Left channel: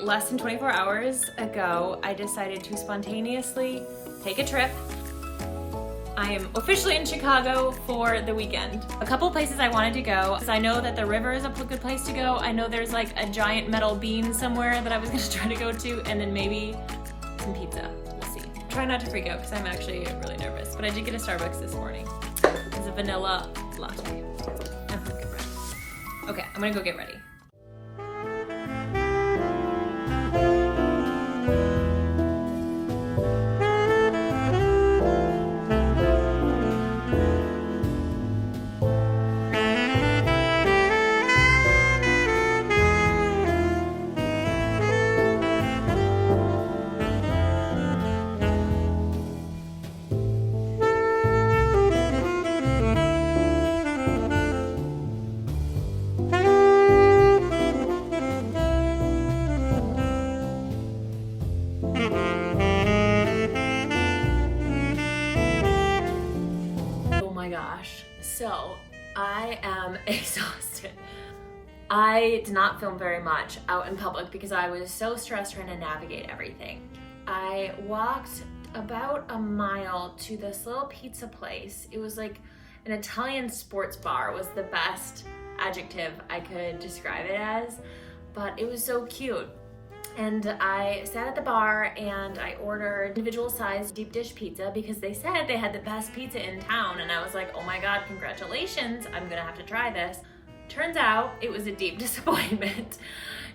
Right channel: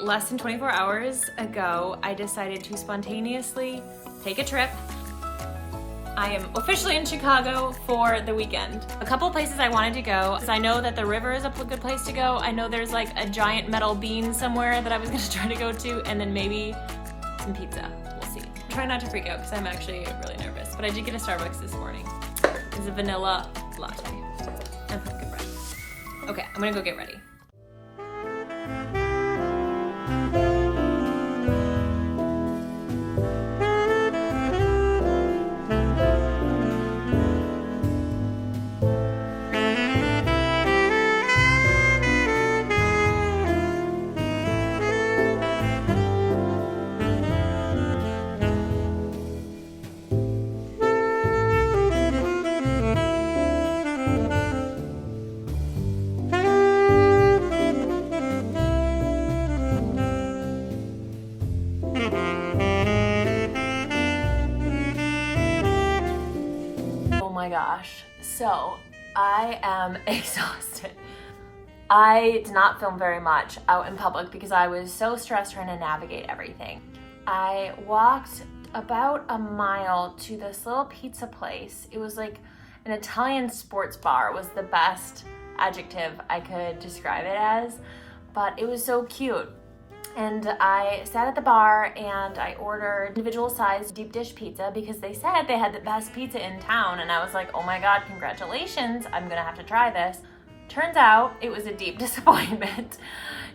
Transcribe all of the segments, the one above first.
less than 24 hours ago, I decided to spontaneously take a trip. I am officially in Chicago for the weekend. A couple places I wanted to go. So I know that the river is a good place to go. I know there's like a giant metal bean somewhere that I was gonna try to go to, and then maybe some pizza. We'll see. Try not to freak out because I'm actually really nervous, but I did get a Starbucks this morning. It's a vanilla latte and pumpkin bread. Okay, I'm gonna go get ready. So I am exhausted. I did not film very much out in public because I was so stressed trying to navigate everything. I walked about a mile to this little pizza place. It was like an Italian sports bar was the best adjective I could describe it as, but it was so cute. And I sat at the bar and I ordered individual sized deep dish pizza because they said they had the best pizza in town, and I was like, oh my god, congratulations, I'm gonna have to try this. Turns out it was a deep disappointment.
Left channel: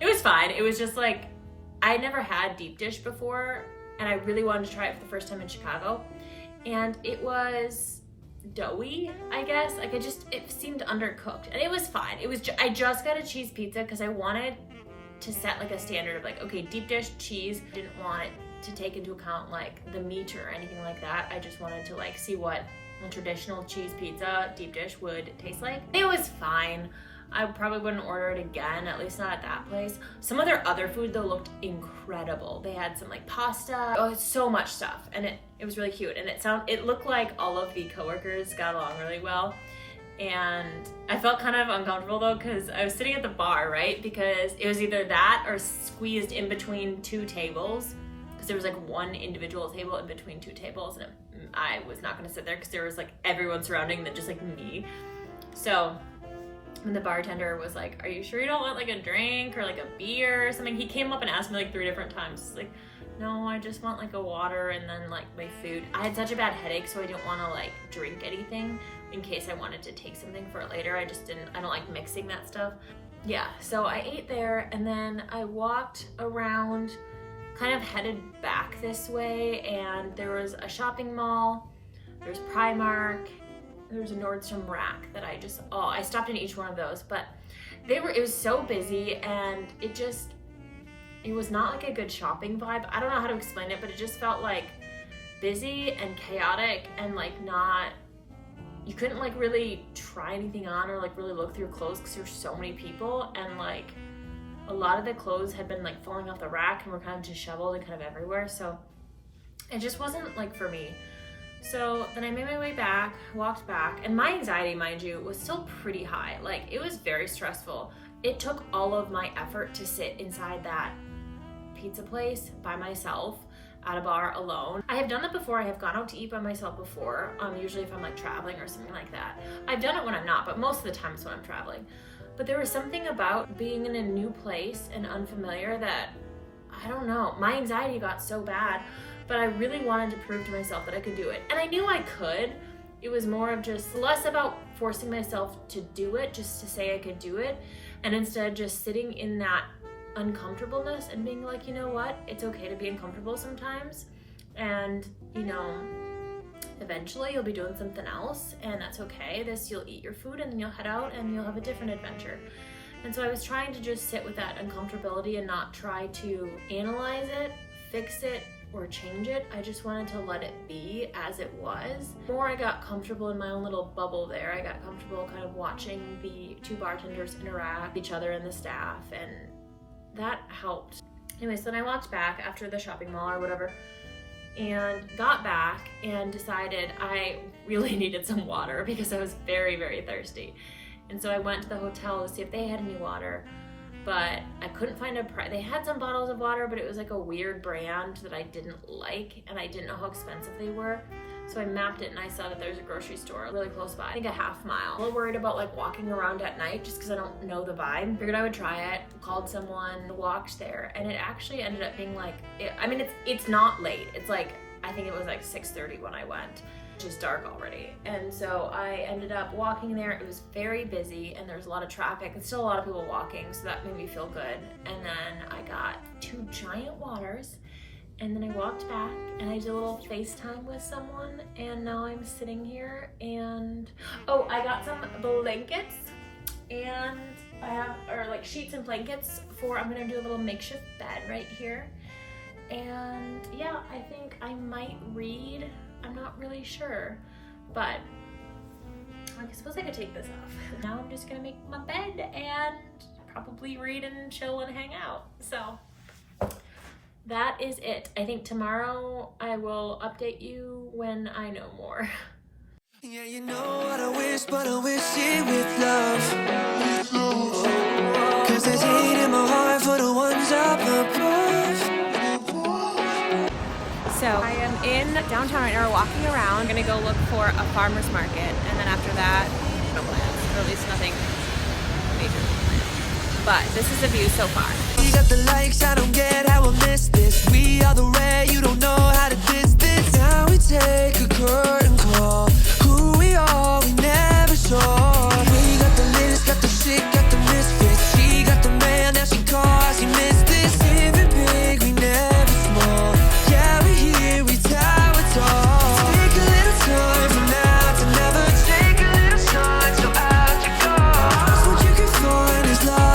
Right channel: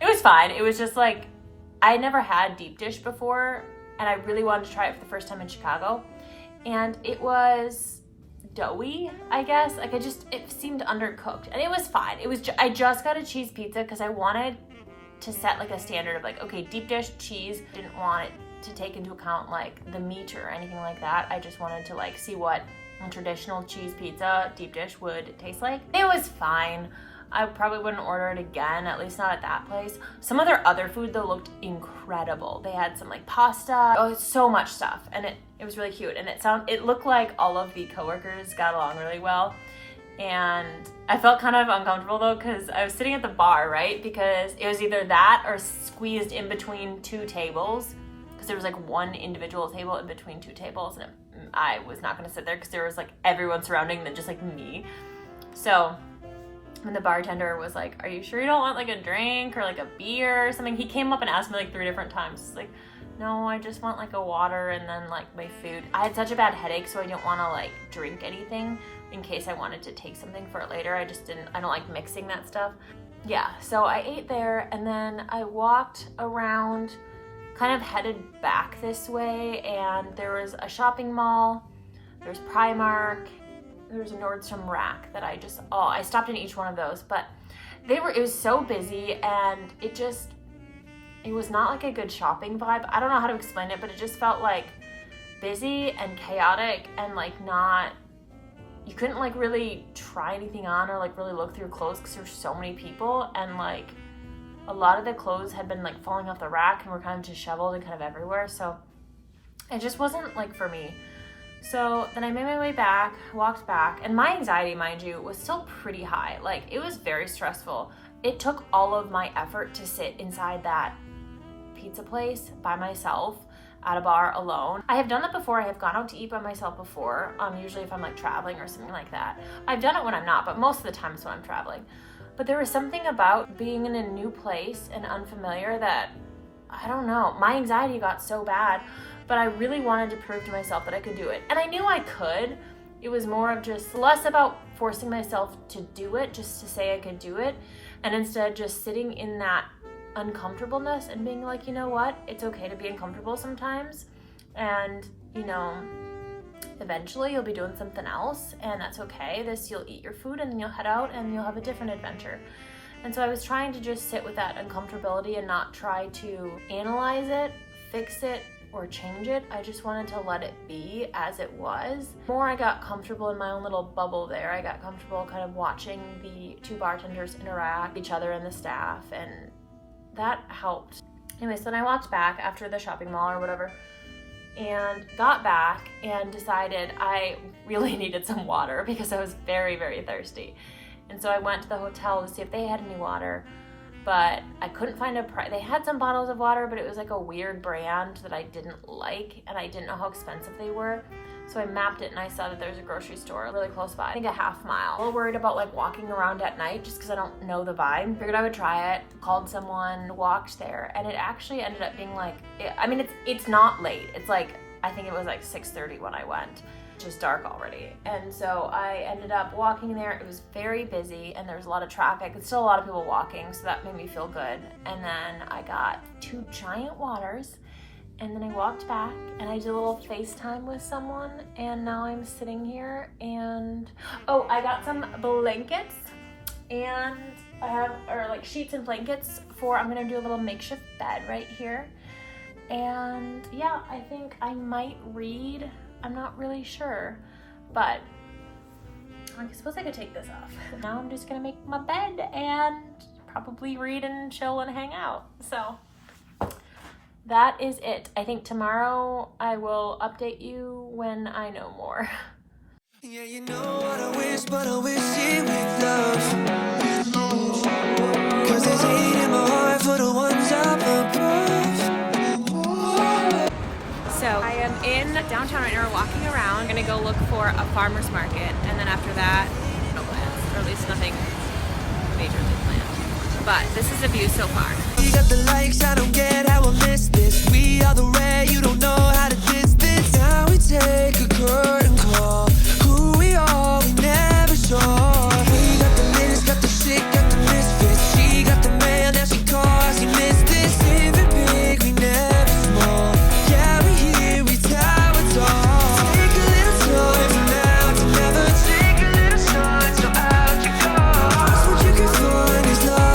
It was fine. It was just like, I never had deep dish before and I really wanted to try it for the first time in Chicago, and it was doughy, I guess. Like it seemed undercooked, and it was fine. I just got a cheese pizza because I wanted to set like a standard of like, okay, deep dish cheese. Didn't want it to take into account like the meat or anything like that. I just wanted to like see what a traditional cheese pizza deep dish would taste like. It was fine. I probably wouldn't order it again, at least not at that place. Some of their other food though looked incredible. They had some like pasta, so much stuff, and it was really cute, and it looked like all of the coworkers got along really well. And I felt kind of uncomfortable though because I was sitting at the bar, right? Because it was either that or squeezed in between two tables, because there was like one individual table in between two tables, and I was not going to sit there because there was like everyone surrounding them, just like me. So when the bartender was like, are you sure you don't want like a drink or like a beer or something? He came up and asked me like 3 different times. He's like, no, I just want like a water and then like my food. I had such a bad headache, so I didn't want to like drink anything in case I wanted to take something for it later. I don't like mixing that stuff. Yeah, so I ate there and then I walked around, kind of headed back this way, and there was a shopping mall, there's Primark, there's a Nordstrom Rack that I stopped in each one of those, but it was so busy, and it was not like a good shopping vibe. I don't know how to explain it, but it just felt like busy and chaotic, and like you couldn't like really try anything on or like really look through clothes because there's so many people, and like a lot of the clothes had been like falling off the rack and were kind of disheveled and kind of everywhere, so it just wasn't like for me. So then I made my way back, walked back, and my anxiety, mind you, was still pretty high. Like, it was very stressful. It took all of my effort to sit inside that pizza place by myself at a bar alone. I have done that before. I have gone out to eat by myself before, usually if I'm like traveling or something like that. I've done it when I'm not, but most of the time it's when I'm traveling. But there was something about being in a new place and unfamiliar that, I don't know, my anxiety got so bad, but I really wanted to prove to myself that I could do it. And I knew I could. It was more of just less about forcing myself to do it, just to say I could do it, and instead just sitting in that uncomfortableness and being like, you know what, it's okay to be uncomfortable sometimes, and eventually you'll be doing something else, and that's okay. You'll eat your food and then you'll head out and you'll have a different adventure. And so I was trying to just sit with that uncomfortability and not try to analyze it, fix it, or change it. I just wanted to let it be as it was. The more I got comfortable in my own little bubble there, I got comfortable kind of watching the 2 bartenders interact with each other and the staff, and that helped. Anyway, so then I walked back after the shopping mall or whatever, and got back and decided I really needed some water because I was very, very thirsty. And so I went to the hotel to see if they had any water. but I couldn't find a price. They had some bottles of water, but it was like a weird brand that I didn't like, and I didn't know how expensive they were. So I mapped it and I saw that there's a grocery store really close by, I think a half mile. I'm a little worried about like walking around at night just because I don't know the vibe. Figured I would try it, called someone, walked there, and it actually ended up being like, it's not late. It's like, I think it was like 6:30 when I went. It's just dark already. And so I ended up walking there. It was very busy and there was a lot of traffic. There's still a lot of people walking, so that made me feel good. And then I got 2 giant waters. And then I walked back and I did a little FaceTime with someone, and now I'm sitting here and, oh, I got some blankets, and I have, or like sheets and blankets for, I'm gonna do a little makeshift bed right here. And yeah, I think I might read, I'm not really sure, but I suppose I could take this off. Now I'm just gonna make my bed and probably read and chill and hang out, so. That is it. I think tomorrow I will update you when I know more. Yeah, you know what I wish, but I wish it with love. 'Cause there's hate in my heart for the ones up above. So I am in downtown right now, walking around. I'm gonna go look for a farmer's market, and then after that, no plans, or at least nothing majorly planned. But this is the view so far. You got the likes, I don't get how I miss this. We are the rare, you don't know how to distance. Now we take a curtain call. Who we are, we never saw. We got the list, got the shit, got the misfits. She got the man, now she calls, you missed this. Living big, we never small. Yeah, we here, we tower tall. Take a little time from now to never. Take a little shine, so out you go. That's what you can find is love.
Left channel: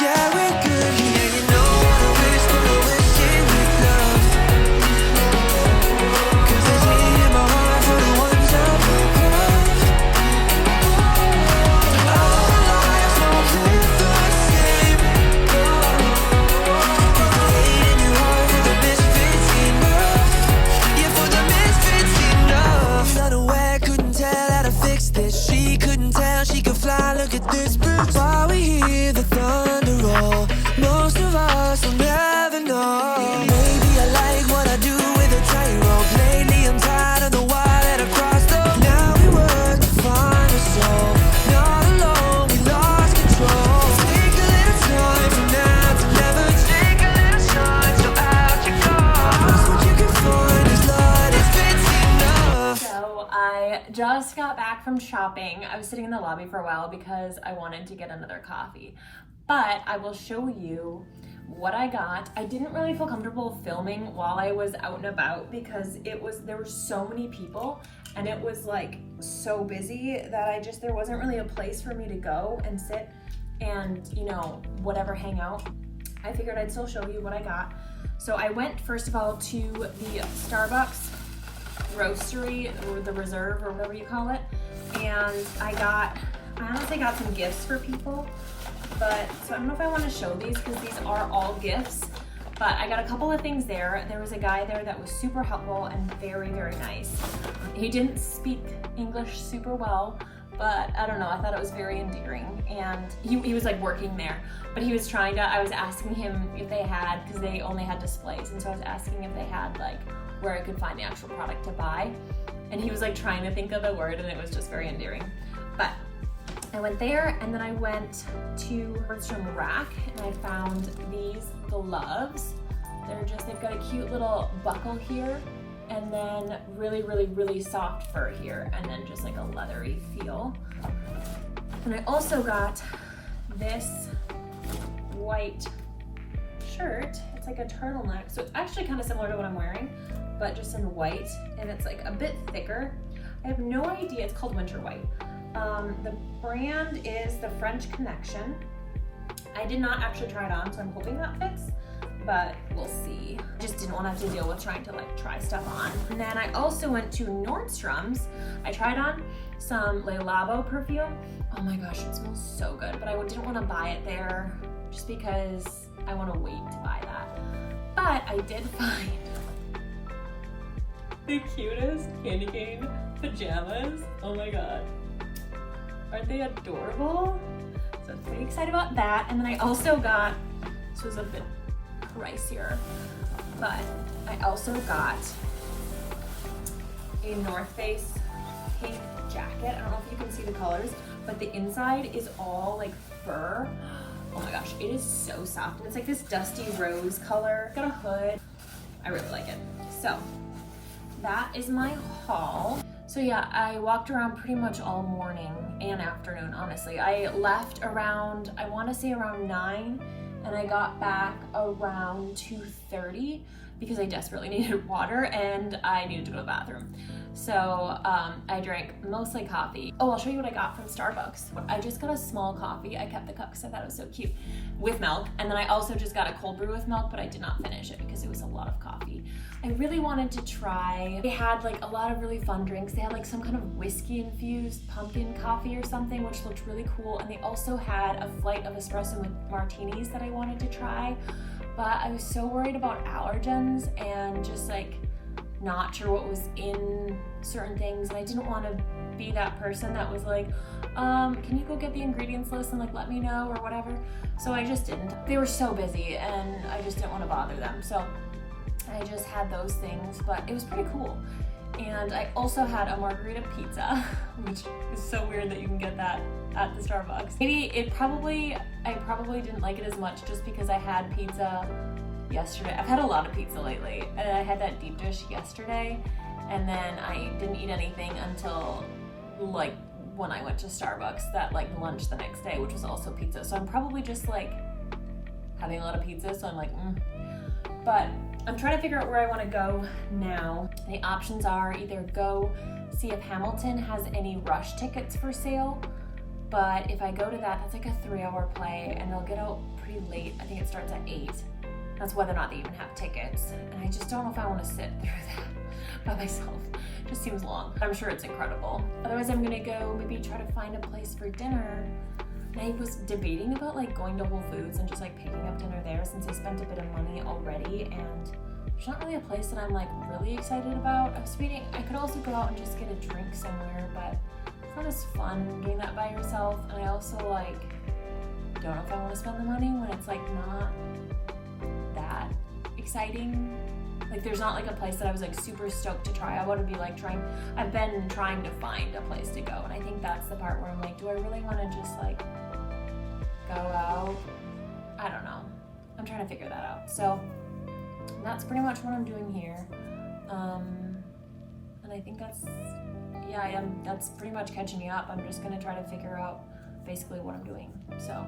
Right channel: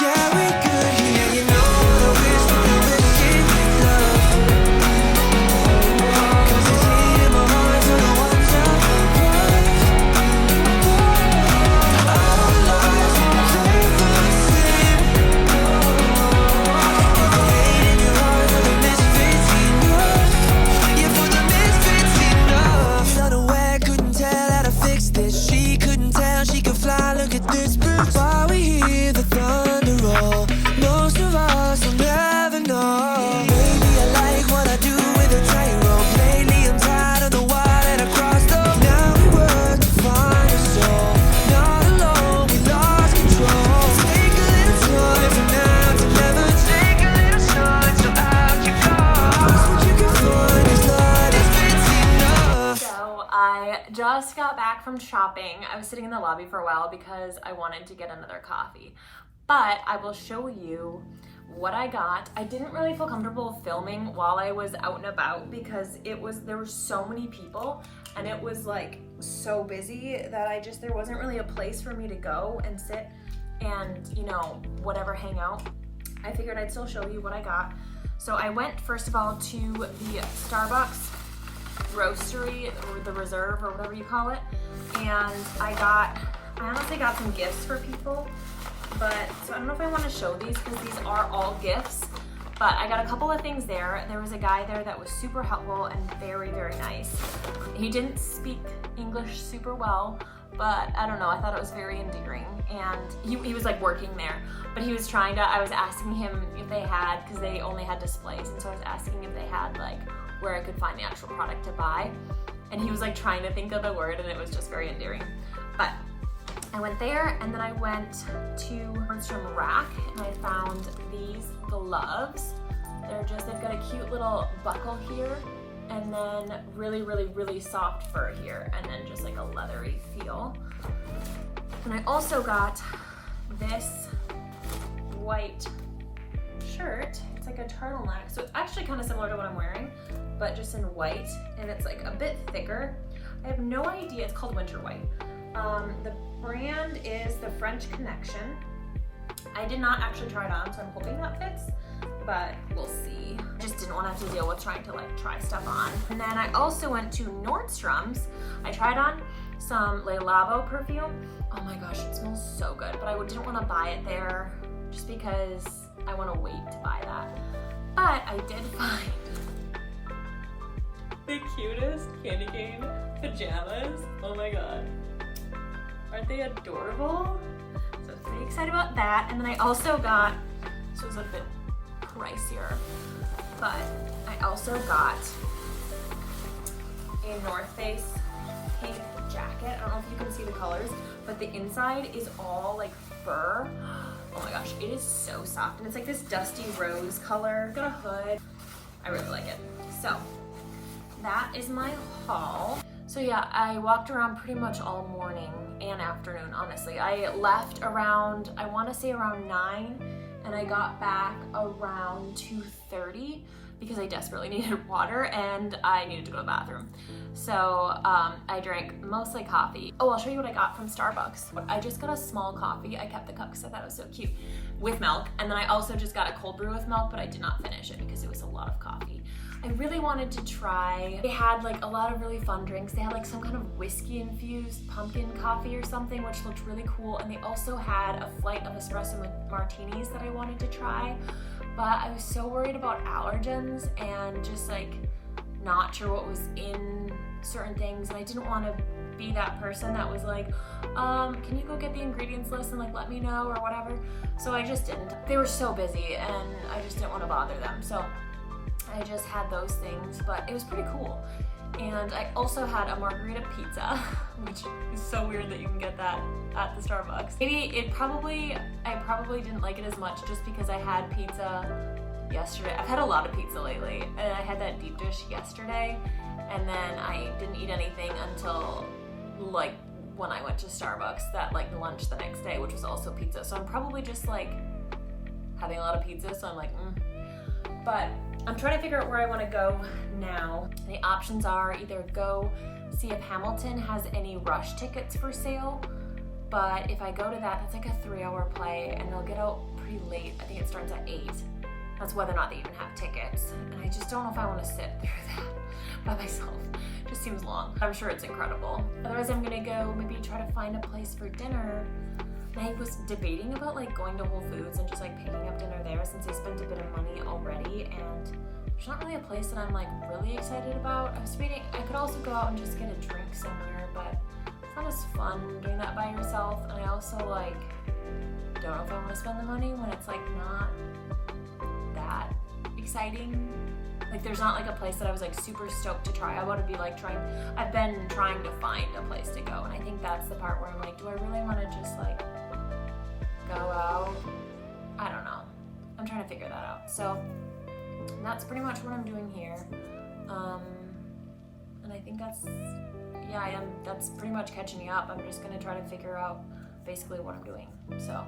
Yeah, we're good here, you know what I wish, but I wish it with love. 'Cause there's hate in my heart for the ones up above. Our lives won't live the same. Is the hate in your heart for the misfits enough? Yeah, for the misfits enough. Unaware, couldn't tell how to fix this. She couldn't tell she could fly, look at this bitch. While we hear the thunder roll, most of us will never know. Maybe I like what I do with a tightrope. Lately I'm tired of the wire that I crossed up. Now we work to find a soul. Not alone, we lost control. Take a little time from now to never. Take a little shine, so out you go. That's what you can find is love that fits enough. So I just got back from shopping. I was sitting in the lobby for a while because I wanted to get another coffee. But I will show you what I got. I didn't really feel comfortable filming while I was out and about because there were so many people and it was like so busy that there wasn't really a place for me to go and sit and, you know, whatever, hang out. I figured I'd still show you what I got. So I went first of all to the Starbucks Roastery, or the Reserve, or whatever you call it, and I honestly got some gifts for people. But, so I don't know if I want to show these because these are all gifts, but I got a couple of things there. There was a guy there that was super helpful and very, very nice. He didn't speak English super well, but I don't know, I thought it was very endearing. And he was like working there, but he was I was asking him if they had, because they only had displays, and so I was asking if they had like where I could find the actual product to buy. And he was like trying to think of the word, and it was just very endearing. But I went there, and then I went to Ryyzn Rack, and I found these gloves. They've got a cute little buckle here, and then really, really, really soft fur here, and then just like a leathery feel. And I also got this white shirt. It's like a turtleneck, so it's actually kind of similar to what I'm wearing, but just in white, and it's like a bit thicker. I have no idea, it's called Winter White. The brand is the French Connection. I did not actually try it on, so I'm hoping that fits, but we'll see. Just didn't want to have to deal with trying to like try stuff on. And then I also went to Nordstrom's. I tried on some Le Labo perfume. Oh my gosh, it smells so good, but I didn't want to buy it there just because I want to wait to buy that. But I did find the cutest candy cane pajamas. Oh my god. Aren't they adorable? So fake excited about that. And then I also got, this was a bit pricier, but I also got a North Face pink jacket. I don't know if you can see the colors, but the inside is all like fur. Oh my gosh, it is so soft. And it's like this dusty rose color. Got a hood. I really like it. So that is my haul. So yeah, I walked around pretty much all morning and afternoon, honestly. I left around, I want to say around 9, and I got back around 2:30 because I desperately needed water and I needed to go to the bathroom. So I drank mostly coffee. Oh, I'll show you what I got from Starbucks. I just got a small coffee. I kept the cup because I thought it was so cute, with milk. And then I also just got a cold brew with milk, but I did not finish it because it was a lot of coffee. I really wanted to try, they had like a lot of really fun drinks. They had like some kind of whiskey infused pumpkin coffee or something, which looked really cool. And they also had a flight of espresso martinis that I wanted to try, but I was so worried about allergens and just like not sure what was in certain things. And I didn't want to be that person that was like, can you go get the ingredients list and like let me know or whatever. So I just didn't. They were so busy and I just didn't want to bother them. So I just had those things, but it was pretty cool. And I also had a margarita pizza, which is so weird that you can get that at the Starbucks. I probably didn't like it as much just because I had pizza yesterday. I've had a lot of pizza lately, and I had that deep dish yesterday, and then I didn't eat anything until like when I went to Starbucks, that like lunch the next day, which was also pizza. So I'm probably just like having a lot of pizza, so I'm like, But I'm trying to figure out where I want to go now. The options are either go see if Hamilton has any rush tickets for sale, but if I go to that, that's like a 3-hour play and they'll get out pretty late. I think it starts at 8. That's whether or not they even have tickets. And I just don't know if I want to sit through that by myself. It just seems long. I'm sure it's incredible. Otherwise, I'm gonna go maybe try to find a place for dinner. And I was debating about like going to Whole Foods and just like picking up dinner there since I spent a bit of money already, and there's not really a place that I'm like really excited about. I was debating, I could also go out and just get a drink somewhere, but it's not as fun doing that by yourself. And I also like don't know if I want to spend the money when it's like not that exciting. Like there's not like a place that I was like super stoked to try. I want to be like I've been trying to find a place to go, and I think that's the part where I'm like, do I really want to just like go out? I don't know. I'm trying to figure that out. So that's pretty much what I'm doing here. And I think that's pretty much catching me up. I'm just gonna try to figure out basically what I'm doing. So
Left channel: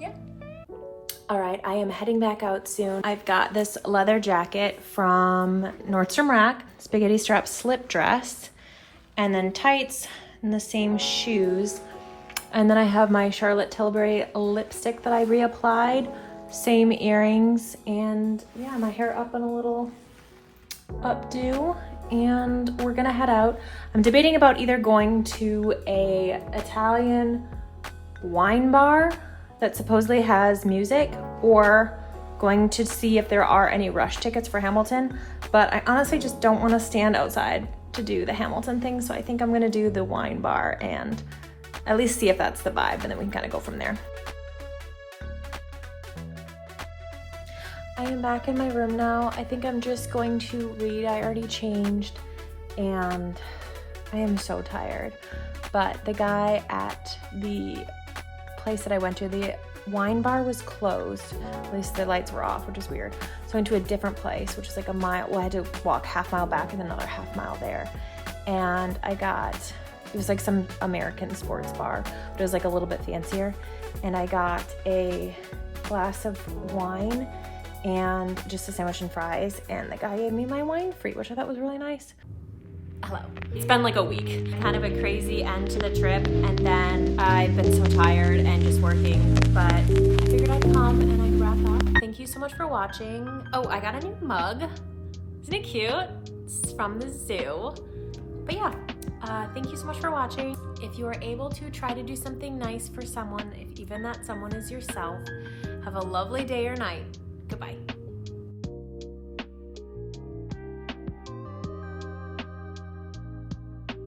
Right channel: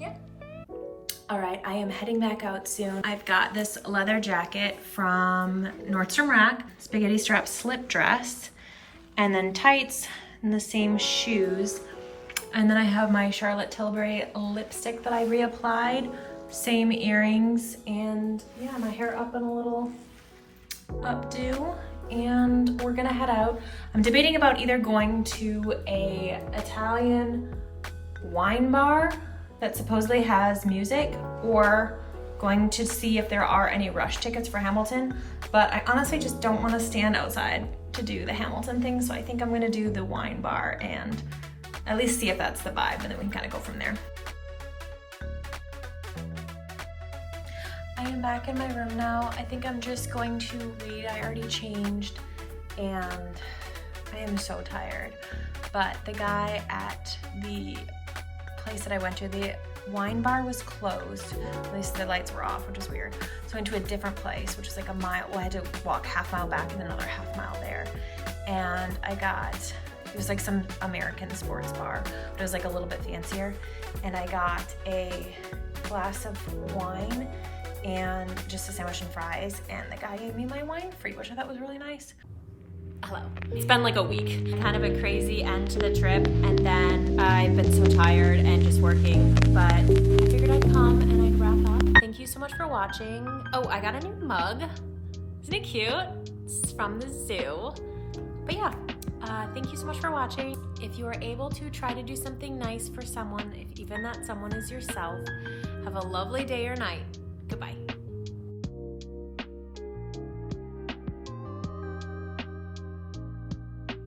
yeah. All right, I am heading back out soon. I've got this leather jacket from Nordstrom Rack, spaghetti strap slip dress, and then tights and the same shoes. And then I have my Charlotte Tilbury lipstick that I reapplied, same earrings, and yeah, my hair up in a little updo. And we're gonna head out. I'm debating about either going to a Italian wine bar that supposedly has music, or going to see if there are any rush tickets for Hamilton. But I honestly just don't want to stand outside to do the Hamilton thing, so I think I'm gonna do the wine bar and at least see if that's the vibe, and then we can kind of go from there. I am back in my room now. I think I'm just going to read. I already changed and I am so tired. But the guy at the place that I went to, the wine bar was closed. At least the lights were off, which is weird. So I went to a different place, which is like a mile. Well, I had to walk half mile back and then another half mile there. And I got, it was like some American sports bar, but it was like a little bit fancier. And I got a glass of wine and just a sandwich and fries, and the guy gave me my wine free, which I thought was really nice. Hello. It's been like a week, kind of a crazy end to the trip, and then I've been so tired and just working, but I figured I'd come and I'd wrap up. Thank you so much for watching. Oh, I got a new mug. Isn't it cute? It's from the zoo. But yeah, thank you so much for watching. If you are able to, try to do something nice for someone, if even that someone is yourself. Have a lovely day or night. Goodbye.